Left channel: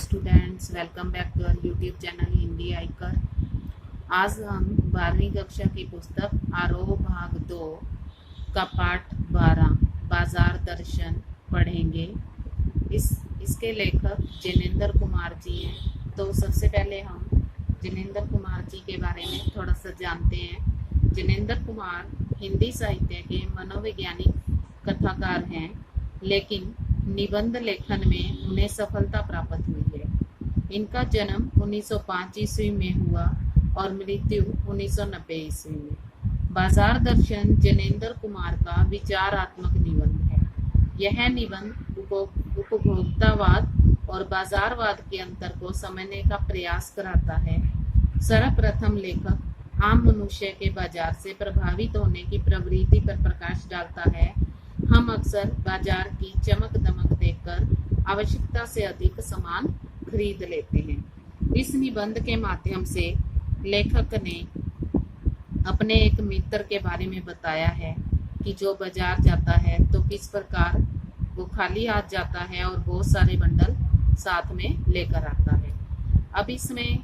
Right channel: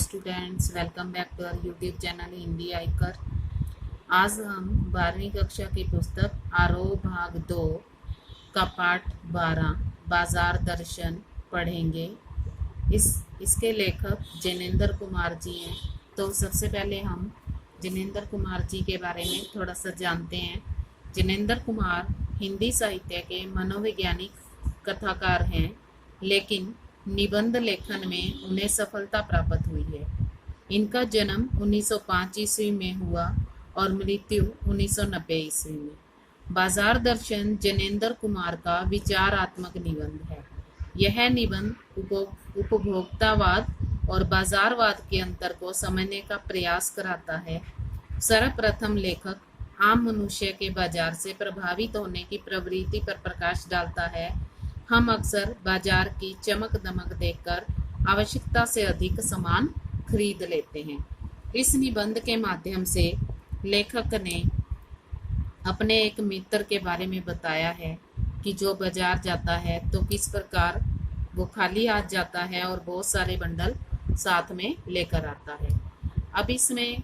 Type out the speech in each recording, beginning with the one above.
Students, welcome back to our YouTube channel Hindi आइकर। आज हम 12वीं कक्षा की पुस्तक आरोह भाग 2 का पाठ 12 बाजार दर्शन पढ़ेंगे। इसके लेखक जिनेंद्र कुमार जी हैं। तो सबसे पहले हम जिनेंद्र कुमार जी के बारे में थोड़ा सा जानते हैं। जिनेंद्र कुमार हिंदी साहित्य के मनोवैज्ञानिक कथाकार हैं, लेकिन निबंध लेखन में उन्हें सफलता प्राप्त हुई है। इनका जन्म 1905 ईस्वी में हुआ और मृत्यु 1990 ईस्वी में। बाजार दर्शन जिनेंद्र कुमार का विचारात्मक निबंध है। यह निबंध उपभोक्तावाद और बाजारवाद के अंतर को समझने का प्रयास कराता है। सर्वप्रथम लेखक आम मनुष्य के बाजार से प्रभावित होने की प्रवृत्ति पर प्रकाश डालता है। हम अक्सर बाजार की चमक दमक देखकर आवश्यकता से अधिक सामान खरीद लेते हैं। इस निबंध के माध्यम से लेखक ने अपने एक मित्र के बारे में बताया है कि जो बाजार जाता है तो किस प्रकार वो खाली हाथ जाता है और बहुत सारे बंडल साथ में लेकर आता है। अब इसमें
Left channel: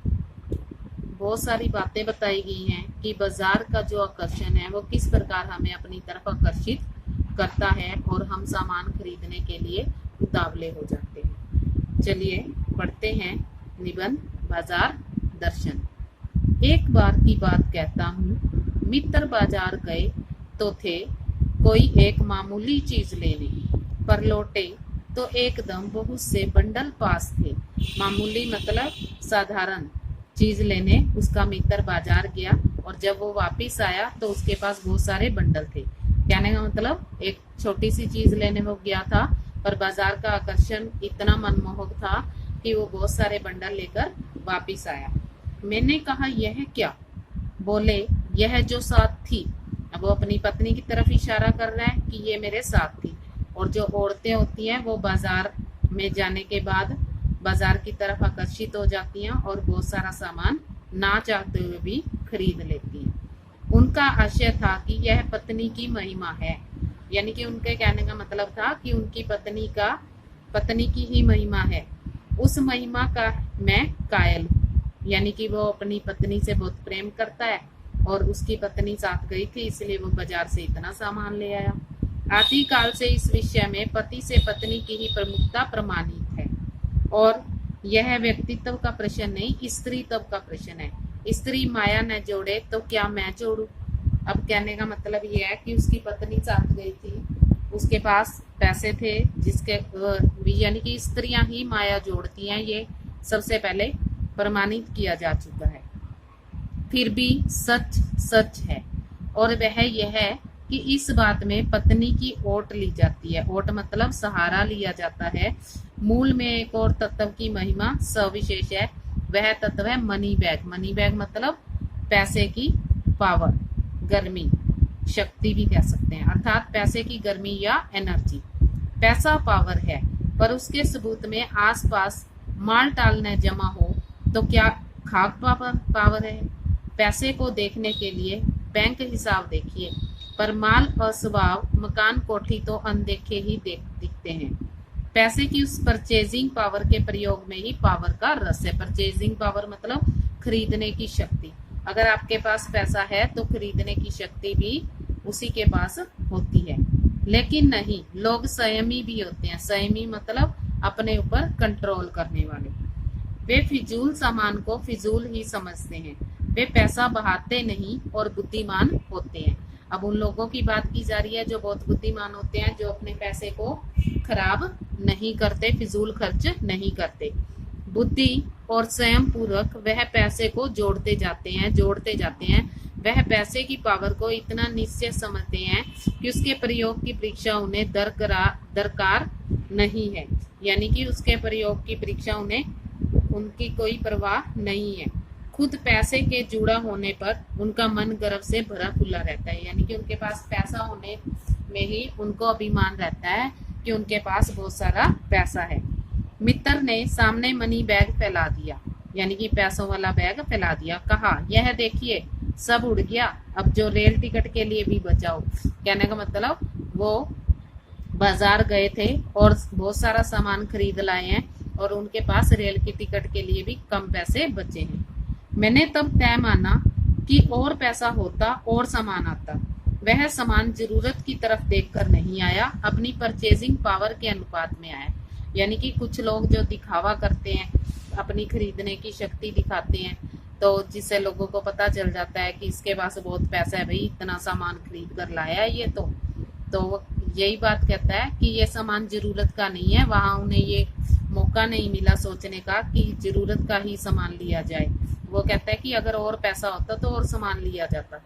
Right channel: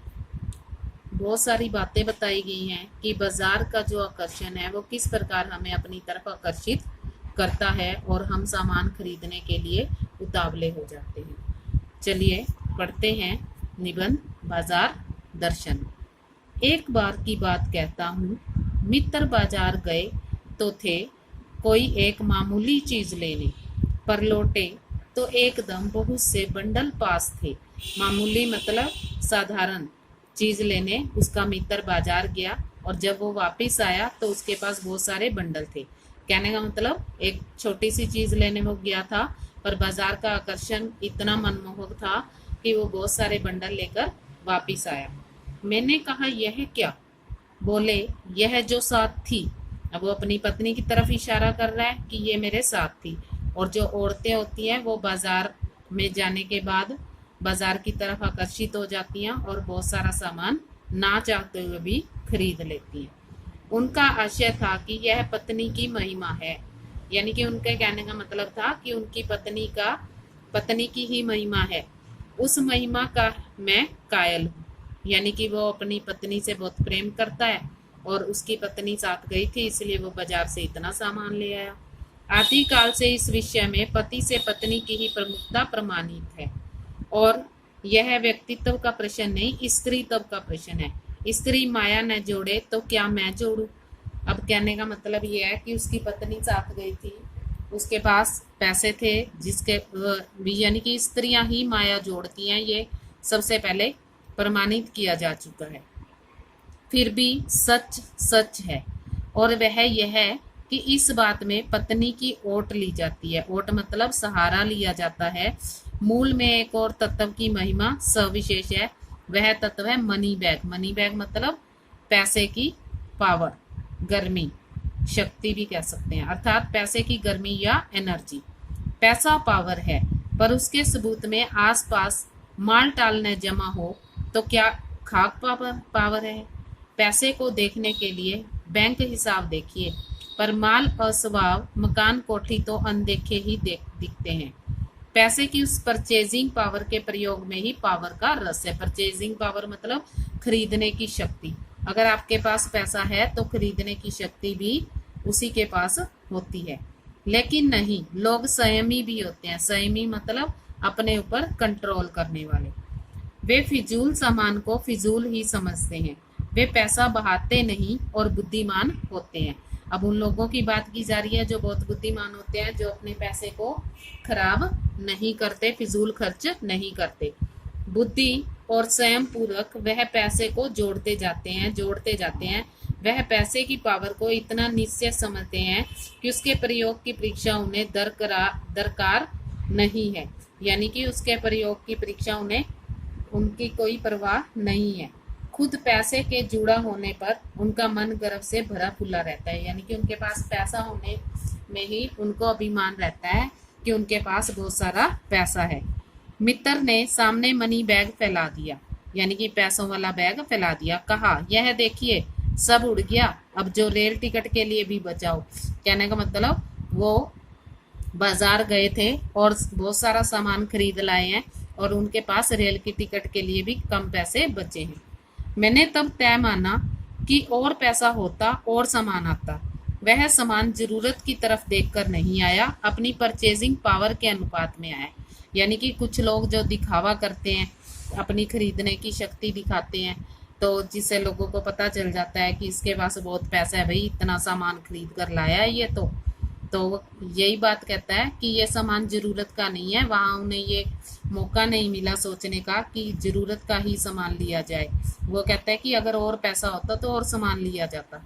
बहुत सारी बातें बताई गई हैं कि बाजार का जो आकर्षण है वो किस प्रकार हमें अपनी तरफ आकर्षित करता है और हम सामान खरीदने के लिए उतावले हो जाते हैं। चलिए पढ़ते हैं निबंध बाजार दर्शन। एक बार की बात कहता हूँ, मित्र बाजार गए तो थे कोई एक मामूली चीज लेने, पर लौटे तो एकदम बहुत से बंडल पास थे। मामूली मतलब साधारण चीज लेने उसका मित्र बाजार गया और जब वो वापस आया तो उसके पास बहुत सारे बंडल थे। कहने का मतलब एक छोटी सी चीज लेने वो गया था, पर बाजार का आकर्षण इतना मनमोहक था कि वो बहुत सारे बंडल लेकर वापिस आया। मैंने कहा, यह क्या? बोले, यह जो साथ थी। अब वो अपनी पत्नी की तरफ इशारा कर रहा है कि ये मेरे साथ थी। और जो औरतें होती हैं वो बाजार में जाने के बाद बाजार की तरफ आकर्षित हो जाती हैं और बहुत सारा सामान ना चाहते हुए भी खरीद लेती हैं। उनका आशय था कि यह पत्नी की महिमा है, यानी कि उनके कहने का मतलब था कि उनकी पत्नी की ही महिमा है। उस महिमा का मैं कायल हूँ, यानी कि वो अपनी पत्नी से बहुत प्रेम करता है और उसकी पत्नी साथ गई थी, इसलिए वो बाजार से इतना सामान ले आया। आदिकाल से इस विषय में पति से पत्नी की ही प्रमुखता प्रमाणित है और यह व्यक्तित्व का प्रश्न नहीं, स्त्रीत्व का प्रश्न है। स्त्री माया न जोड़े तो क्या मैं जोड़ू? अब कहने का मतलब यह है कि उसकी पत्नी साथ गई थी, उसके पास पैसे थे, जिसके यानी कि स्त्रियां ही माया जोड़ती हैं, ये सबसे पहले प्रमाणित किया जा चुका है। फिर भी सच सच है और वह यह है कि इस बात में पत्नी की ओट ली जाती है। ओट मतलब सहारा लिया जाता है। मूल में एक और तत्व की महिमा सविशेष है। वह तत्व है मनी बैग। मनी बैग मतलब पैसे की पावर, गर्मी, शक्ति भी कह सकते हैं, अर्थात पैसे की गर्मी या एनर्जी। पैसा पावर है, पर उसके सबूत में आसपास माल टाल न जमा हो तो क्या खाक पावर है? पैसे को देखने के लिए बैंक हिसाब देखिए, पर माल और स्वभाव, मकान, कोठी तो अनदेखे ही दिखते हैं। पैसे की उस परचेजिंग पावर के प्रयोग में ही पावर का रस है। परचेजिंग पावर मतलब खरीदने की शक्ति। अगर आपके पास पैसा है तो खरीदने की शक्ति भी उसी के पास होती है। लेकिन नहीं, लोग संयमी भी होते हैं। संयमी मतलब अपने ऊपर कंट्रोल करने वाले। वे फिजूल सामान को फिजूल ही समझते हैं। वे पैसा बहाते नहीं और बुद्धिमान होते हैं। अब उन लोगों की बात की जा रही है जो बहुत बुद्धिमान होते हैं, जो अपने पैसे को खराब नहीं करते, फिजूल खर्च नहीं करते। बुद्धि और स्वयं पूर्वक वह पैसे को जोड़ते जाते हैं। वह पैसे की पावर को इतना निश्चय समझते हैं कि उसके प्रयोग की परीक्षा उन्हें दरकार नहीं है, यानी कि उसके प्रयोग की परीक्षा उनकी कोई परवाह नहीं है। खुद पैसे के जुड़ा होने पर उनका मन गर्व से भरा फूला रहता है, यानी कि उनके पास पैसा होने में ही उनको अभिमान रहता है कि उनके पास बहुत सारा पैसा है। मित्र ने सामने मनी बैग फैला दिया, यानी कि पैसों वाला बैग फैला दिया। कहा, यह देखिए सब उड़ गया, अब जो रेल टिकट के लिए भी बचाओ। कहने का मतलब वो बाजार गए थे और बहुत सारा सामान खरीद लाए हैं और उनके पास रेल की टिकट के लिए भी कम पैसे बचे हैं। मैंने तब तय माना कि और पैसा होता और सामान आता। वह सामान जरूरत की तरफ देखकर नहीं आया, अपनी परचेजिंग पावर के अनुपात में आया। यानी कि कुछ लोग जो दिखावा करते हैं, अपनी खरीदने की शक्ति दिखाते हैं, तो जिससे लोगों को पता चल जाता है कि इसके पास बहुत पैसा है, भाई इतना सामान खरीद कर लाया है ये तो यही बात कहता है कि ये सामान जरूरत का नहीं है। वहां उन्हें ये मौका नहीं मिला सोचने का कि जरूरत का ही सामान लिया जाए। वो कहता है कि अगर और पैसा होता तो और सामान लिया जाता।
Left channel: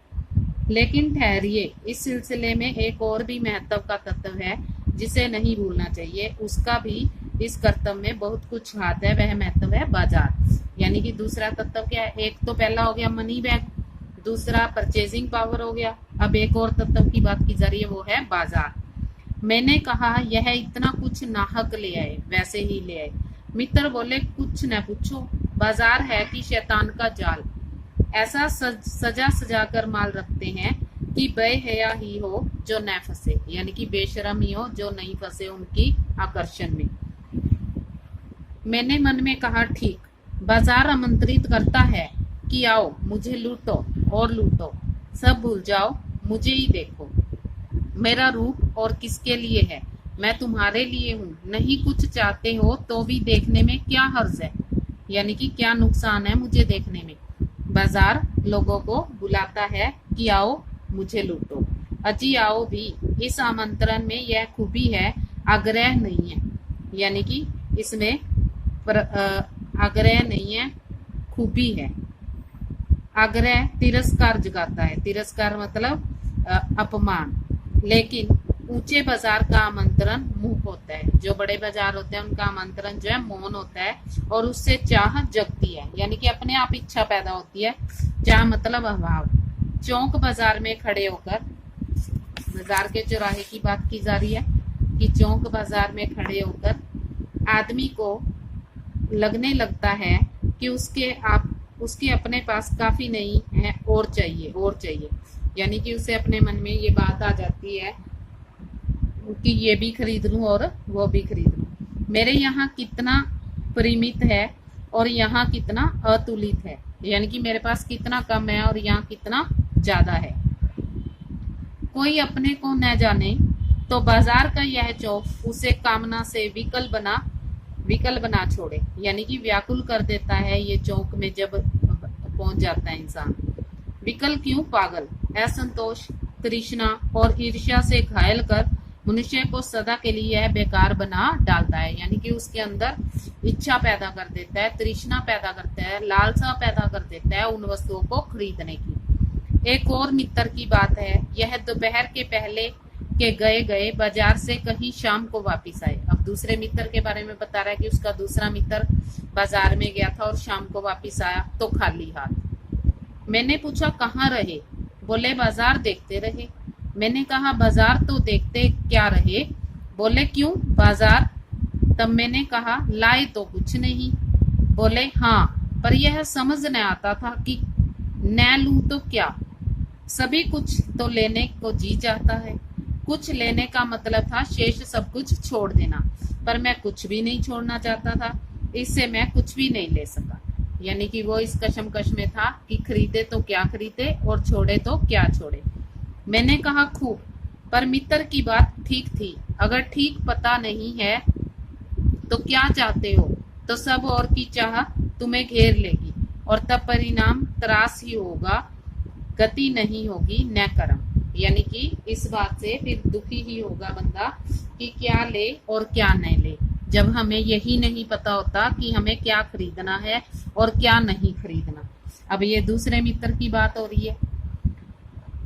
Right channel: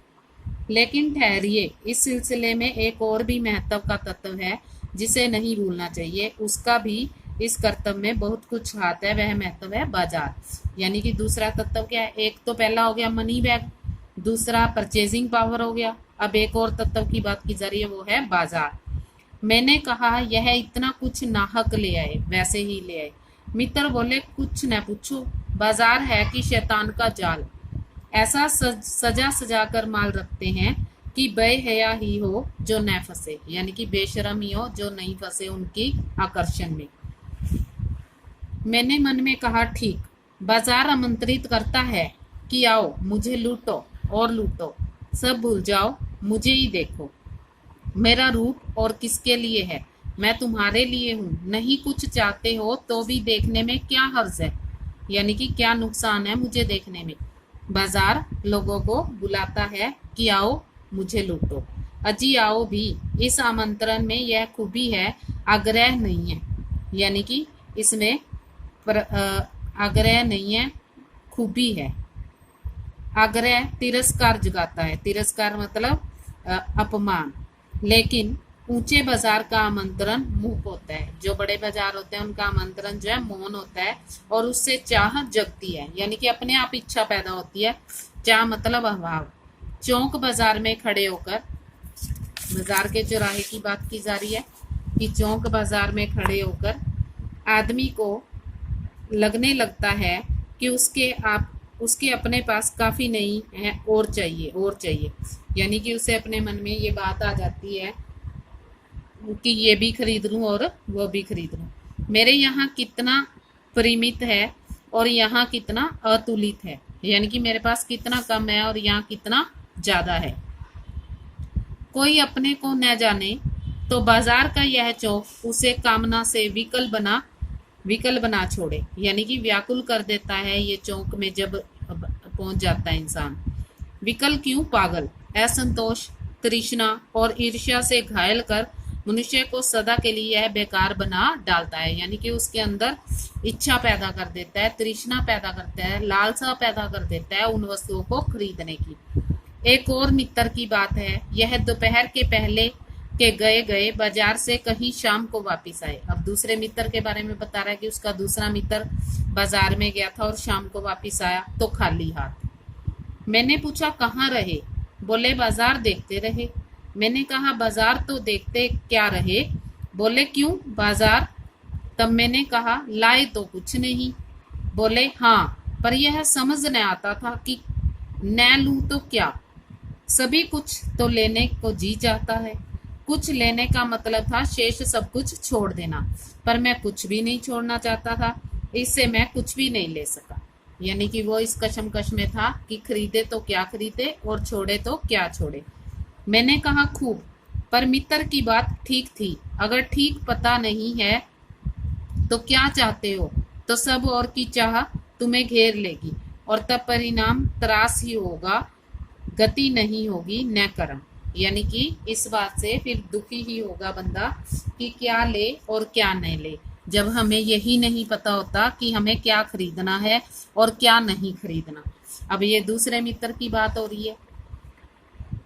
लेकिन ठहरिए, इस सिलसिले में एक और भी महत्व का तत्व है जिसे नहीं भूलना चाहिए। उसका भी इस कर्तव्य में बहुत कुछ हाथ है, वह महत्व है बाजार। यानी कि दूसरा तत्व क्या है? एक तो पहला हो गया मनी बैग, दूसरा परचेजिंग पावर हो गया। अब एक और तत्व की बात की जा रही है, वो है बाजार। मैंने कहा यह इतना कुछ नाहक ले आए, वैसे ही ले आए। मित्र बोले कुछ न पूछो, बाजार है कि शैतान का जाल। ऐसा सजा सजा कर माल रखते हैं कि बेहया ही हो जो न फंसे, यानी कि बेशरम ही हो जो नहीं फंसे उनकी आकर्षण में। मैंने मन में कहा ठीक, बाजार आमंत्रित करता है कि आओ मुझे लूटो और लूटो, सब भूल जाओ, मुझे ही देखो। मेरा रूप और किसके लिए है? मैं तुम्हारे लिए हूँ। नहीं कुछ चाहते हो तो भी देखने में क्या हर्ज है, यानी कि क्या नुकसान है मुझे देखने में। बाजार लोगों को बुलाता है कि आओ मुझे लूटो। अजी आओ भी। इस आमंत्रण में यह खूबी है, आग्रह नहीं है, यानी कि इसमें आग्रह नहीं है, खूबी है। आग्रह तिरस्कार जगाता है, तिरस्कार मतलब अपमान। लेकिन ऊंचे बाजार का आमंत्रण मुख होता है। जो बड़े बाजार होते हैं उनका आमंत्रण जो है मौन होता है और उससे चाह जगती है, यानी कि अपने आप इच्छा पैदा होती है। चाह मतलब अभाव। चौक बाजार में खड़े होकर, बाजार के चौराहे की बात की जा रही है कि चौक बाजार में खड़े होकर आदमी को लगने लगता है कि उसके अपने पास काफी नहीं है, और चाहिए। यानी कि उसे अपने मन में ये बात आ जाती है कि ये भी खरीद लूं और वो भी खरीद लूं। मेरे यहाँ कितना परिमित है और यहाँ कितना अतुलित है, यानी कि मेरे पास कितना कम है और यहाँ कितना ज्यादा है। कोई अपने को न जाने तो बाजार का यह चौक उसे कामना से विकल बना छोड़े, यानी कि व्याकुल कर देता है। ये चौक में जब पहुंच जाता है इंसान। विकल क्यों? पागल, असंतोष, तृष्णा और ईर्ष्या से घायल कर मनुष्य को सदा के लिए यह बेकार बना डालता है, यानी कि उसके अंदर इच्छा पैदा कर देता है, तृष्णा पैदा करता है, लालसा पैदा कर देता है उन वस्तुओं को खरीदने की। एक और मित्र की बात है, यह दोपहर के पहले के गए बाजार से कहीं शाम को वापस आए। अब दूसरे मित्र के बारे में बता रहा है कि उसका दूसरा मित्र बाजार में गया था और शाम को वापस आया तो खाली हाथ। मैंने पूछा कहाँ रहे? बोले बाजार देखते रहे। मैंने कहा बाजार तो देखते क्या रहे? बोले क्यों बाजार? तब मैंने कहा लाए तो कुछ नहीं। बोले हाँ, पर यह समझ न आता था कि न लूं तो क्या, सभी कुछ तो लेने को जी चाहता है। कुछ लेने का मतलब था शेष सब कुछ छोड़ देना, पर मैं कुछ भी नहीं छोड़ना चाहता था, इससे मैं कुछ भी नहीं ले सका। यानी कि वो इस कशमकश में था कि खरीदे तो क्या खरीदे और छोड़े तो क्या छोड़े। मैंने कहा खूब, पर मित्र की बात ठीक थी। अगर ठीक पता नहीं है तो क्या चाहते हो, तो सब और की चाह तुम्हें घेर लेगी और तब परिणाम त्रास ही होगा, गति नहीं होगी न कर्म। यानी कि इस बात से फिर दुखी ही होगा बंदा कि क्या ले और क्या नहीं ले, जब हमें यही नहीं पता होता कि हमें क्या खरीदना है और क्या नहीं खरीदना। अब ये दूसरे मित्र की बात हो रही है।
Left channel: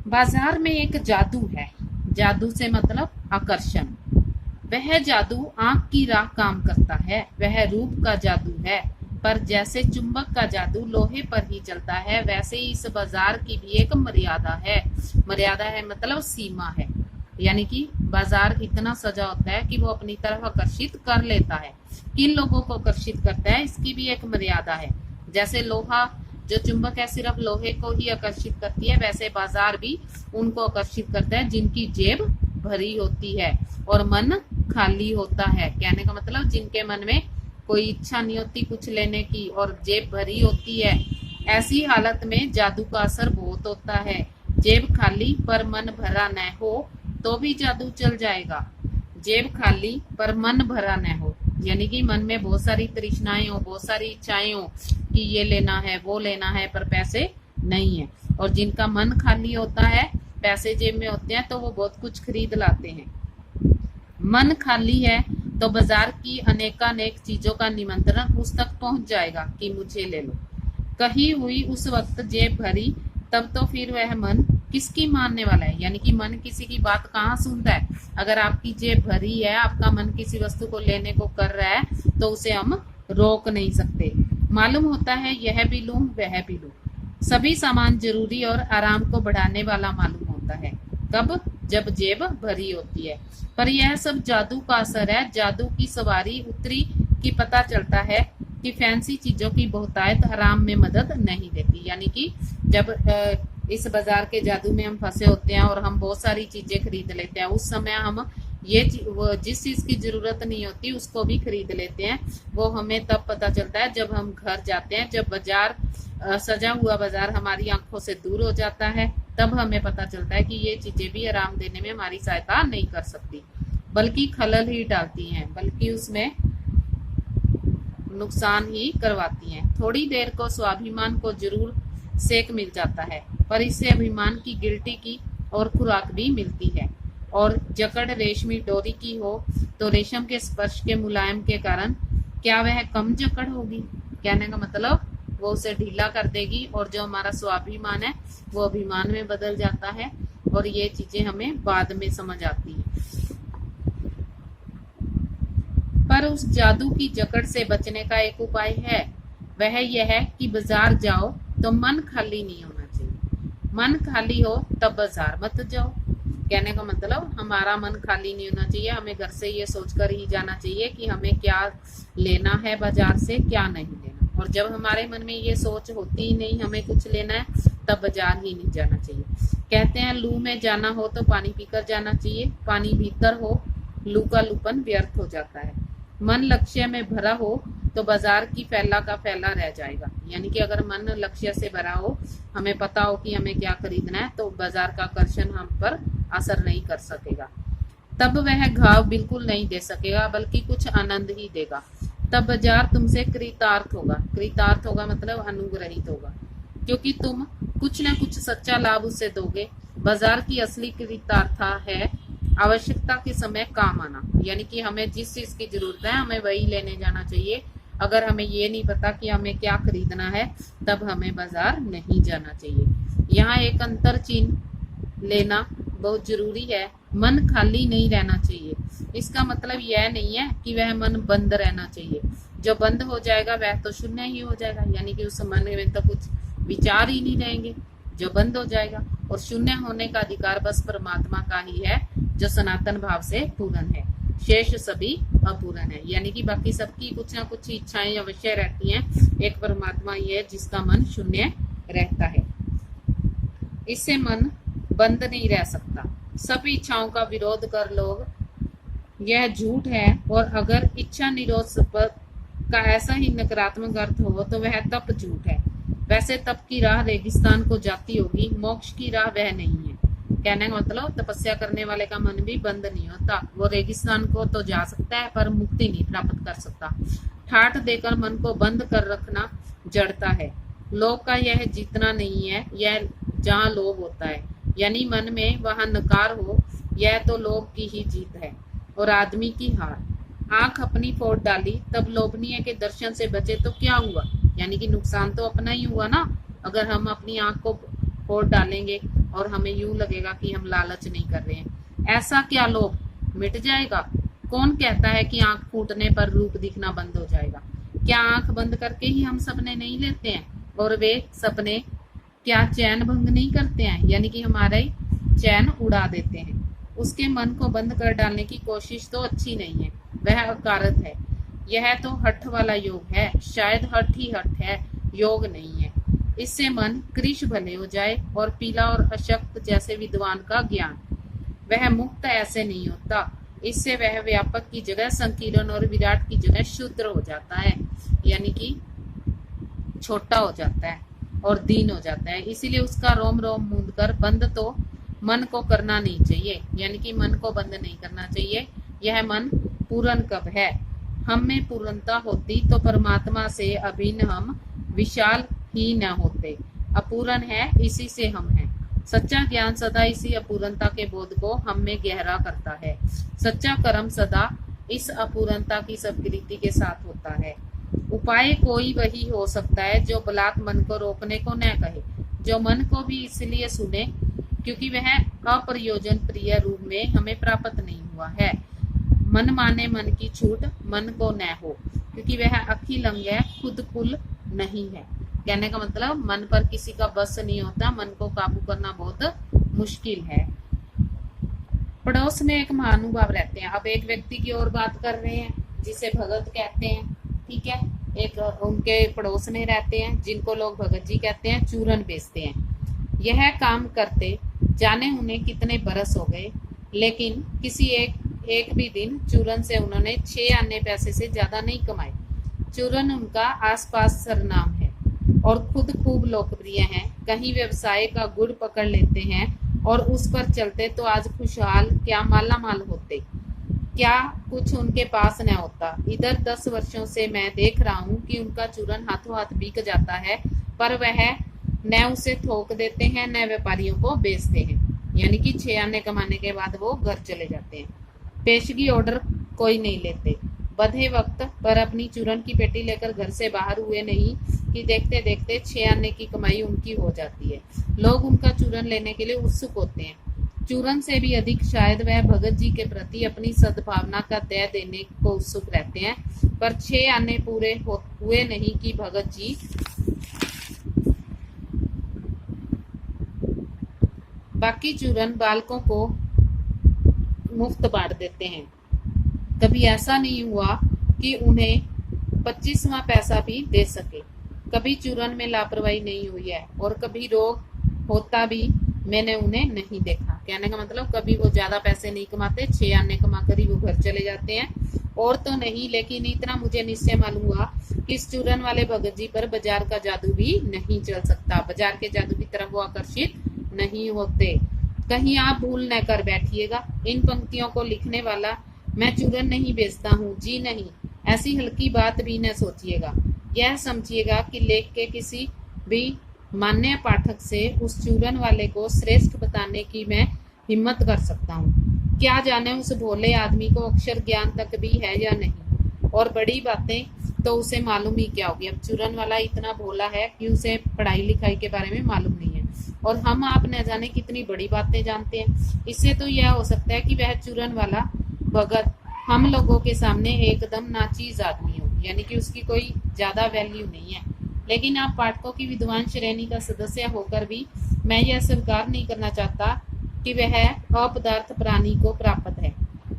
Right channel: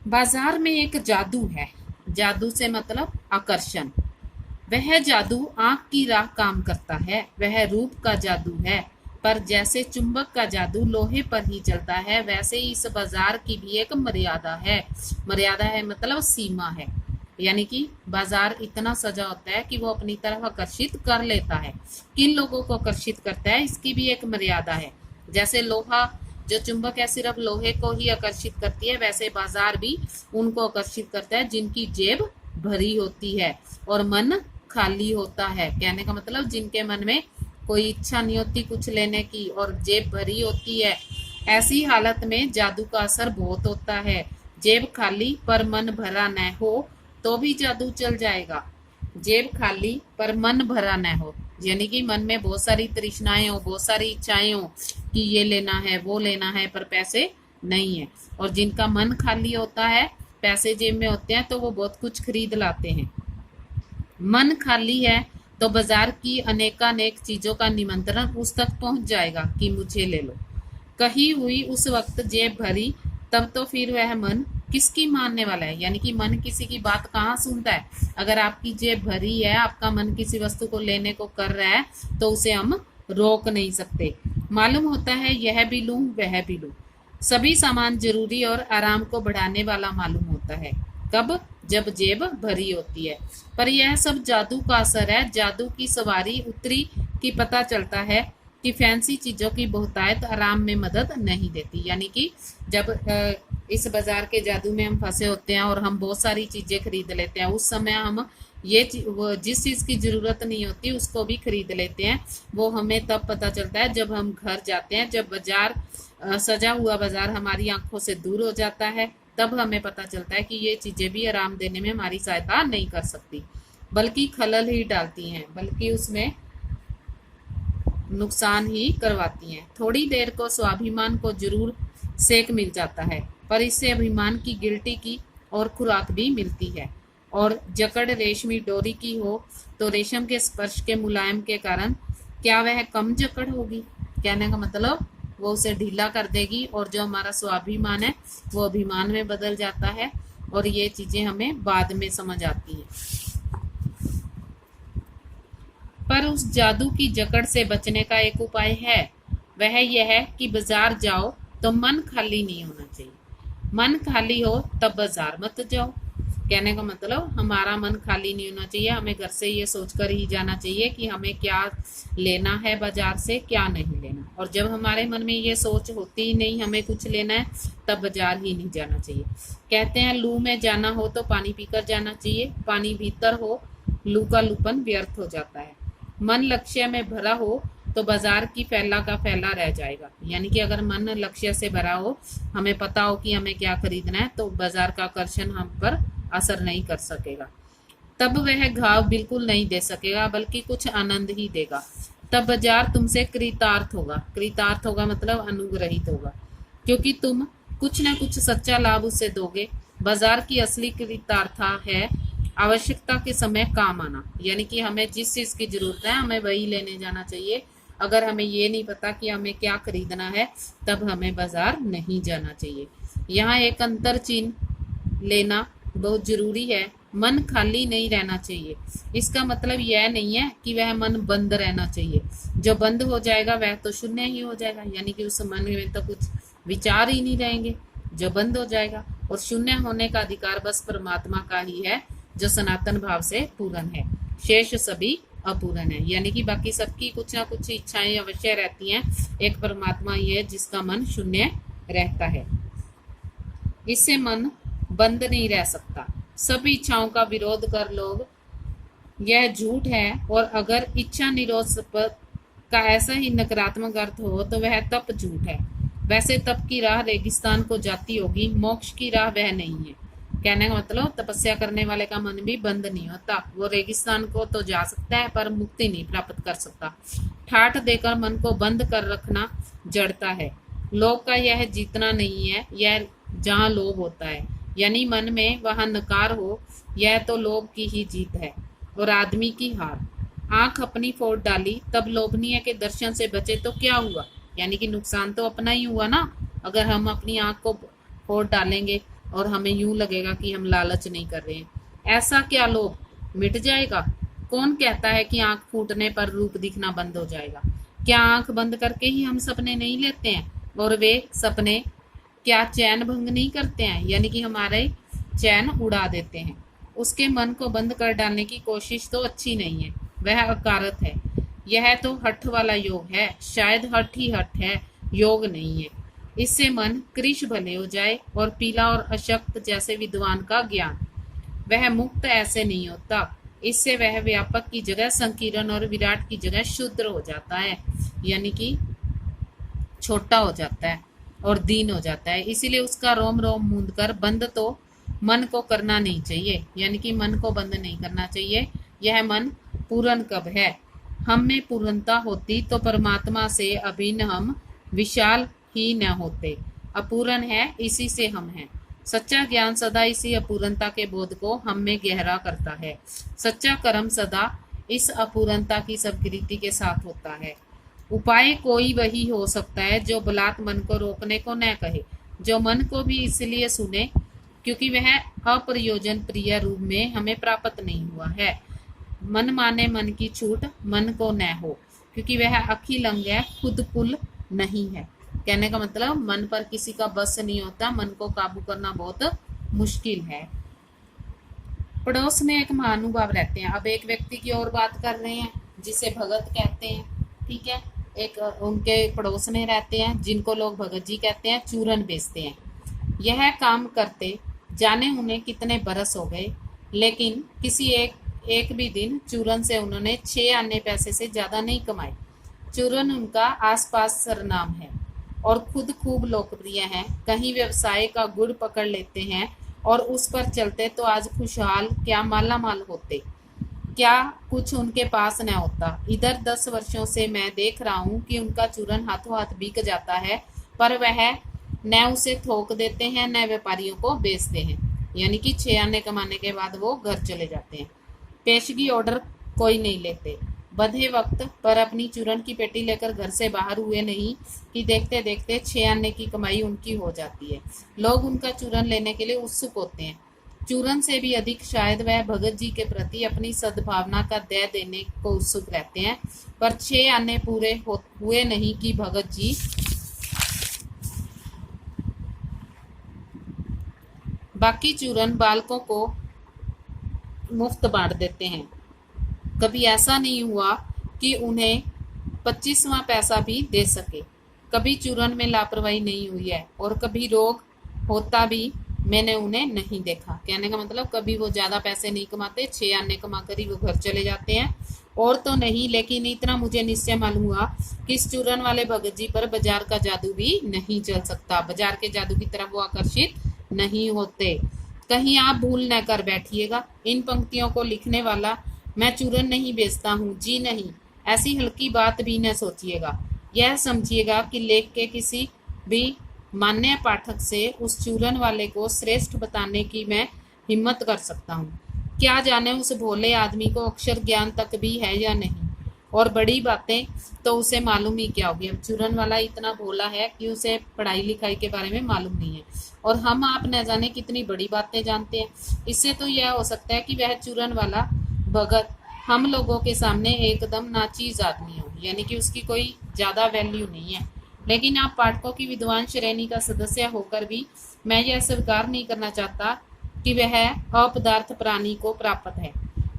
बाजार में एक जादू है, जादू से मतलब आकर्षण। वह जादू आंख की राह काम करता है, वह रूप का जादू है। पर जैसे चुंबक का जादू लोहे पर ही चलता है, वैसे ही इस बाजार की भी एक मर्यादा है। मर्यादा है मतलब सीमा है, यानी कि बाजार इतना सजा होता है कि वो अपनी तरफ आकर्षित कर लेता है। किन लोगों को आकर्षित करता है, इसकी भी एक मर्यादा है। जैसे लोहा जो चुंबक है सिर्फ लोहे को ही आकर्षित करती है, वैसे बाजार भी उनको आकर्षित करता है जिनकी जेब भरी होती है और मन खाली होता है। कहने का मतलब जिनके मन में कोई इच्छा नहीं होती कुछ लेने की और जेब भरी होती है, ऐसी हालत में जादू का असर बहुत होता है। जेब खाली पर मन भरा न हो तो भी जादू चल जाएगा। जेब खाली पर मन भरा न हो, यानी कि मन में बहुत सारी तृष्णाएं हो, बहुत सारी इच्छाएं हो कि ये लेना है वो लेना है, पर पैसे नहीं है। और जिनका मन खाली होता है, पैसे जेब में होते हैं, तो वो बहुत कुछ खरीद लाते हैं। मन खाली है तो बाजार की अनेकानेक चीजों का निमंत्रण उस तक पहुंच जाएगा कि मुझे ले लो। कही हुई उस वक्त जेब भरी, तब तो फिर वह मन किसकी मानने वाला है। यानी कि मन किसी की बात कहाँ सुनता है। अगर आपकी जेब भरी है, आपका मन किसी वस्तु को लेने को कर रहा है, तो उसे हम रोक नहीं सकते। मालूम होता है यह भी लूं वह भी लूं। सभी सामान जरूरी और आराम को बढ़ाने वाला मालूम होता है। कब? जब जेब भरी होती है। पर यह सब जादू का असर है। जादू की सवारी उतरी कि पता चलता है कि फैंसी चीजों की बहुतायत आराम में मदद नहीं देती। यानी कि जब इस बाजार के जादू में हम फंसे होते हैं और हम बहुत सारी चीजें खरीद लेते हैं, उस समय हम जिस चीज की जरूरत नहीं होती उसको भी खरीद लेते हैं। वो हमें तब पता चलता है जब हम घर जाते हैं, जब बाजार सजा हुआ बाजार हमारी आंखों से दूर हो जाता है, तब हमें पता चलता है कि ये चीजें भी आराम देने में हमारी सहायता नहीं कर सकती, बल्कि खलल ही डालती हैं, बल्कि उसमें नुकसान ही करवाती हैं। थोड़ी देर को स्वाभिमान को जरूर सेक मिल जाता है, पर इससे अभिमान की गिल्टी की और खुराक भी मिलती है। और जकड़ रेशमी डोरी की हो तो रेशम के स्पर्श के मुलायम के कारण क्या वह कम जकड़ होगी। कहने का मतलब वो उसे ढीला कर देगी, और जो हमारा स्वाभिमान है वो अभिमान में बदल जाता है। और ये चीजें हमें बाद में समझ आती हैं। पर उस जादू की जकड़ से बचने का एक उपाय है। वह यह है कि बाजार जाओ तो मन खाली नहीं होना चाहिए। मन खाली हो तब बाजार मत जाओ। कहने का मतलब हमारा मन खाली नहीं होना चाहिए। हमें घर से ये सोचकर ही जाना चाहिए कि हमें क्या लेना है बाजार से, क्या नहीं लेना। और जब हमारे मन में ये सोच होती ही नहीं हमें कुछ लेना है, तब बाजार ही नहीं जाना चाहिए। कहते हैं लू में जाना हो तो पानी पीकर जाना चाहिए। पानी भीतर हो, लू का लूपन व्यर्थ हो जाता है। मन लक्ष्य में भरा हो तो बाजार की फैला का फैला रह जाएगा। यानी कि अगर मन लक्ष्य से भरा हो, हमें पता हो कि हमें क्या खरीदना है, तो बाजार का आकर्षण हम पर असर नहीं कर सकेगा। तब वह घाव बिल्कुल नहीं दे सकेगा, बल्कि कुछ आनंद ही देगा। तब बाजार तुमसे कृतार्थ होगा। कृतार्थ होगा मतलब अनुग्रहित होगा, क्योंकि तुम कुछ न कुछ सच्चा लाभ उसे दोगे। बाजार की असली कृतार्था है आवश्यकता के समय काम आना। यानी कि हमें जिस चीज की जरूरत है हमें वही लेने जाना चाहिए। अगर हमें ये नहीं पता कि हमें क्या खरीदना है, तब हमें बाजार नहीं जाना चाहिए। यहाँ एक अंतर चिन्ह लेना बहुत जरूरी है। मन खाली नहीं रहना चाहिए। इसका मतलब यह नहीं है कि वह मन बंद रहना चाहिए। जो बंद हो जाएगा वह तो शून्य ही हो जाएगा, यानी कि उस मन में तो कुछ विचार ही नहीं रहेंगे जो बंद हो जाएगा। और शून्य होने का अधिकार बस परमात्मा का ही है, जो सनातन भाव से पूर्ण है। शेष सभी अपूर्ण है, यानी कि बाकी सबकी कुछ ना कुछ इच्छाएं अवश्य रहती हैं। एक परमात्मा ही है जिसका मन शून्य रहता है। इससे मन बंद नहीं रह सकता। सभी इच्छाओं का विरोध कर लोग, यह झूठ है। और अगर इच्छा निरोध का ऐसा ही नकारात्मक अर्थ हो तो वह तप झूठ है। वैसे तप की राह रेगिस्तान को जाती होगी, मोक्ष की राह वह नहीं है। कहने का मतलब तपस्या करने वाले का मन भी बंद नहीं होता। वो रेगिस्तान को तो जा सकता है पर मुक्ति नहीं प्राप्त कर सकता। ठाठ देकर मन को बंद कर रखना जड़ता है। लोभ का यह जीतना नहीं है, यह जहाँ लोभ होता है यानी मन में वहां नकार हो, यह तो लोभ की ही जीत है और आदमी की हार। आंख अपनी फोड़ डाली तब लोभनीय के दर्शन से बचे तो क्या हुआ, यानी कि नुकसान तो अपना ही हुआ ना। अगर हम अपनी आंख को फोड़ डालेंगे और हमें यूं लगेगा कि हम लालच नहीं कर रहे हैं, ऐसा क्या लोभ मिट जाएगा? कौन कहता है कि आंख फूटने पर रूप दिखना बंद हो जाएगा? क्या आंख बंद करके ही हम सपने नहीं लेते हैं? और वे सपने क्या चैन भंग नहीं करते हैं, यानी कि हमारे चैन उड़ा देते हैं? उसके मन को बंद कर डालने की कोशिश तो अच्छी नहीं है, वह अकारत है। यह तो हठ वाला योग है, शायद हठ ही हठ है, योग नहीं है। इससे मन कृश भले हो जाए और पीला और अशक्त जैसे विद्वान का ज्ञान, वह मुक्त ऐसे नहीं होता। इससे वह व्यापक की जगह संकीर्ण और विराट की जगह शूद्र हो जाता है, यानी कि छोटा हो जाता है और दीन हो जाता है। इसीलिए उसका रोम रोम मूंद कर बंद तो मन को करना नहीं चाहिए, यानी कि मन को बंद नहीं करना चाहिए। यह मन पूर्ण कब है? हम में पूर्णता होती तो परमात्मा से अभिन्न हम विशाल ही न होते। अपूर्ण है, इसी से हम हैं। सच्चा ज्ञान सदा इसी अपूर्णता के बोध को हम में गहरा करता है। सच्चा कर्म सदा इस अपूर्णता की स्वीकृति के साथ होता है। उपाय कोई वही हो सकता है जो बलात् मन को रोकने को न कहे, जो मन को भी इसलिए सुने क्योंकि वह अप्रयोजन प्रिय रूप में हमें प्राप्त नहीं हुआ है। मन माने मन की छूट मन को न हो, क्योंकि वह अखिल अंग है, खुद कुल नहीं है। कहने का मतलब मन पर किसी का बस नहीं होता, मन को काबू करना बहुत मुश्किल है। पड़ोस में एक महानुभाव रहते हैं। अब एक व्यक्ति की और बात कर रहे हैं जिसे भगत कहते हैं, ठीक है। एक उनके पड़ोस में रहते हैं जिनको लोग भगत जी कहते हैं, चूरन बेचते हैं। यह काम करते जाने उन्हें कितने बरस हो गए, लेकिन किसी एक भी दिन चूरन से उन्होंने 6 आने पैसे से ज्यादा नहीं कमाए। चूरन उनका आसपास सरनाम है और खुद खूब लोकप्रिय हैं। कहीं व्यवसाय का गुड़ पकड़ लेते हैं और उस पर चलते तो आज खुशहाल क्या माला माल होते, क्या कुछ उनके पास न होता। इधर 10 वर्षों से मैं देख रहा हूँ कि उनका चूरन हाथों हाथ बिक जाता है, पर वह न उसे थोक देते हैं न व्यापारियों को बेचते हैं, यानी कि 6 आने कमाने के बाद वो घर चले जाते हैं। पेशगी ऑर्डर कोई नहीं लेते। बधे वक्त पर अपनी चूरन की पेटी लेकर घर से बाहर हुए नहीं कि देखते देखते 6 आने की कमाई उनकी हो जाती है। लोग उनका चूरन लेने के लिए उत्सुक होते हैं। चूरन से भी अधिक शायद वह भगत जी के प्रति अपनी सद्भावना का दया देने को उत्सुक रहते हैं, पर 6 आने पूरे हुए नहीं कि भगत जी बाकी चूरन बालकों को मुफ्त बांट देते हैं। कभी ऐसा नहीं हुआ कि उन्हें 25वां पैसा भी दे सके। कभी चूरन में लापरवाही नहीं हुई है और कभी रोग होता भी मैंने उन्हें नहीं देखा। कहने का मतलब कभी वो ज्यादा पैसे नहीं कमाते, 6 आने कमा कर ही वो घर चले जाते हैं। और तो नहीं, लेकिन इतना मुझे निश्चय मालूम हुआ कि इस चूरन वाले भगत जी पर बाजार का जादू भी नहीं चल सकता। बाजार के जादू की तरफ वो आकर्षित नहीं होते। कहीं आप भूल न कर बैठिएगा। इन पंक्तियों को लिखने वाला मैं चूरन नहीं बेचता हूँ, जी नहीं, ऐसी हल्की बात भी न सोचिएगा। यह समझिएगा कि लेख के किसी भी मान्य पाठक से उस चूरन वाले को श्रेष्ठ बताने की मैं हिम्मत कर सकता हूँ। क्या जाने उस भोले आदमी को अक्षर ज्ञान तक भी है या नहीं, और बड़ी बातें तो उसे मालूम ही क्या होगी। अब चूरन वाला इतना भोला है कि उसे पढ़ाई लिखाई के बारे में मालूम नहीं है, और हम आप न जाने कितनी बड़ी बातें जानते हैं। इससे तो यह हो सकता है कि वह चूरन वाला भगत हम लोगों के सामने एकदम नाचीज आदमी हो, यानी कि उसकी कोई ज्यादा वैल्यू नहीं है। लेकिन आप पाठकों की विद्वान श्रेणी का सदस्य होकर भी मैं यह स्वीकार नहीं करना चाहता कि वह अपदार्थ प्राणी को प्राप्त है,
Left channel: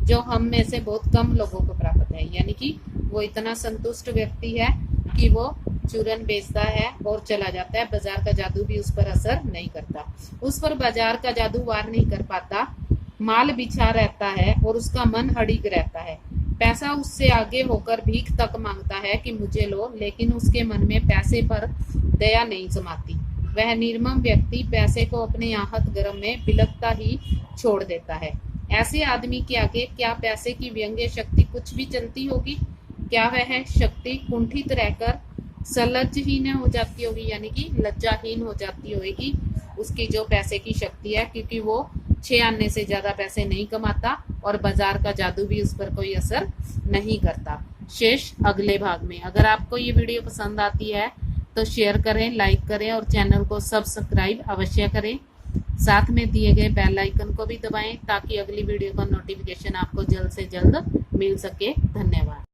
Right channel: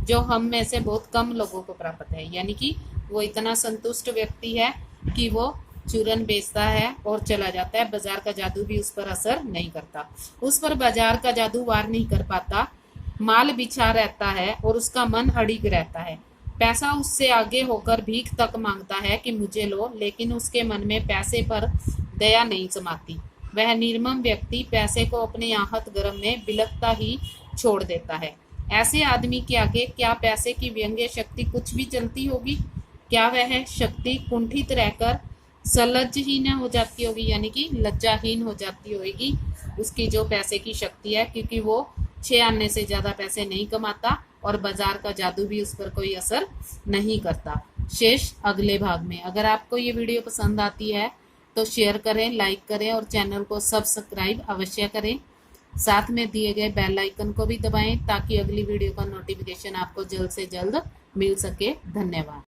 जो हम में से बहुत कम लोगों को प्राप्त है। यानी कि वो इतना संतुष्ट व्यक्ति है कि वो चूरन बेचता है और चला जाता है। बाजार का जादू भी उस पर असर नहीं करता, उस पर बाजार का जादू वार नहीं कर पाता। माल बिछा रहता है और उसका मन अड़िग रहता है। पैसा उससे आगे होकर भीख तक मांगता है कि मुझे लो, लेकिन उसके मन में पैसे पर दया नहीं समाती। वह निर्मम व्यक्ति पैसे को अपने आहत गर्म में बिलकता ही छोड़ देता है। ऐसे आदमी के आगे क्या पैसे की व्यंग्य शक्ति कुछ भी चलती होगी? क्या वह शक्ति कुंठित रहकर सलज्जहीन हो जाती होगी, यानी कि लज्जाहीन हो जाती होगी उसकी जो पैसे की शक्ति है, क्योंकि वो 6 आने से ज्यादा पैसे नहीं कमाता और बाजार का जादू भी उस पर कोई असर नहीं करता। शेष अगले भाग में। अगर आपको ये वीडियो पसंद आती है तो शेयर करें, लाइक करें और चैनल को सब्सक्राइब अवश्य करें। साथ में दिए गए बेल आइकन को भी दबाएं ताकि अगली वीडियो का नोटिफिकेशन आपको जल्द से जल्द मिल सके। धन्यवाद।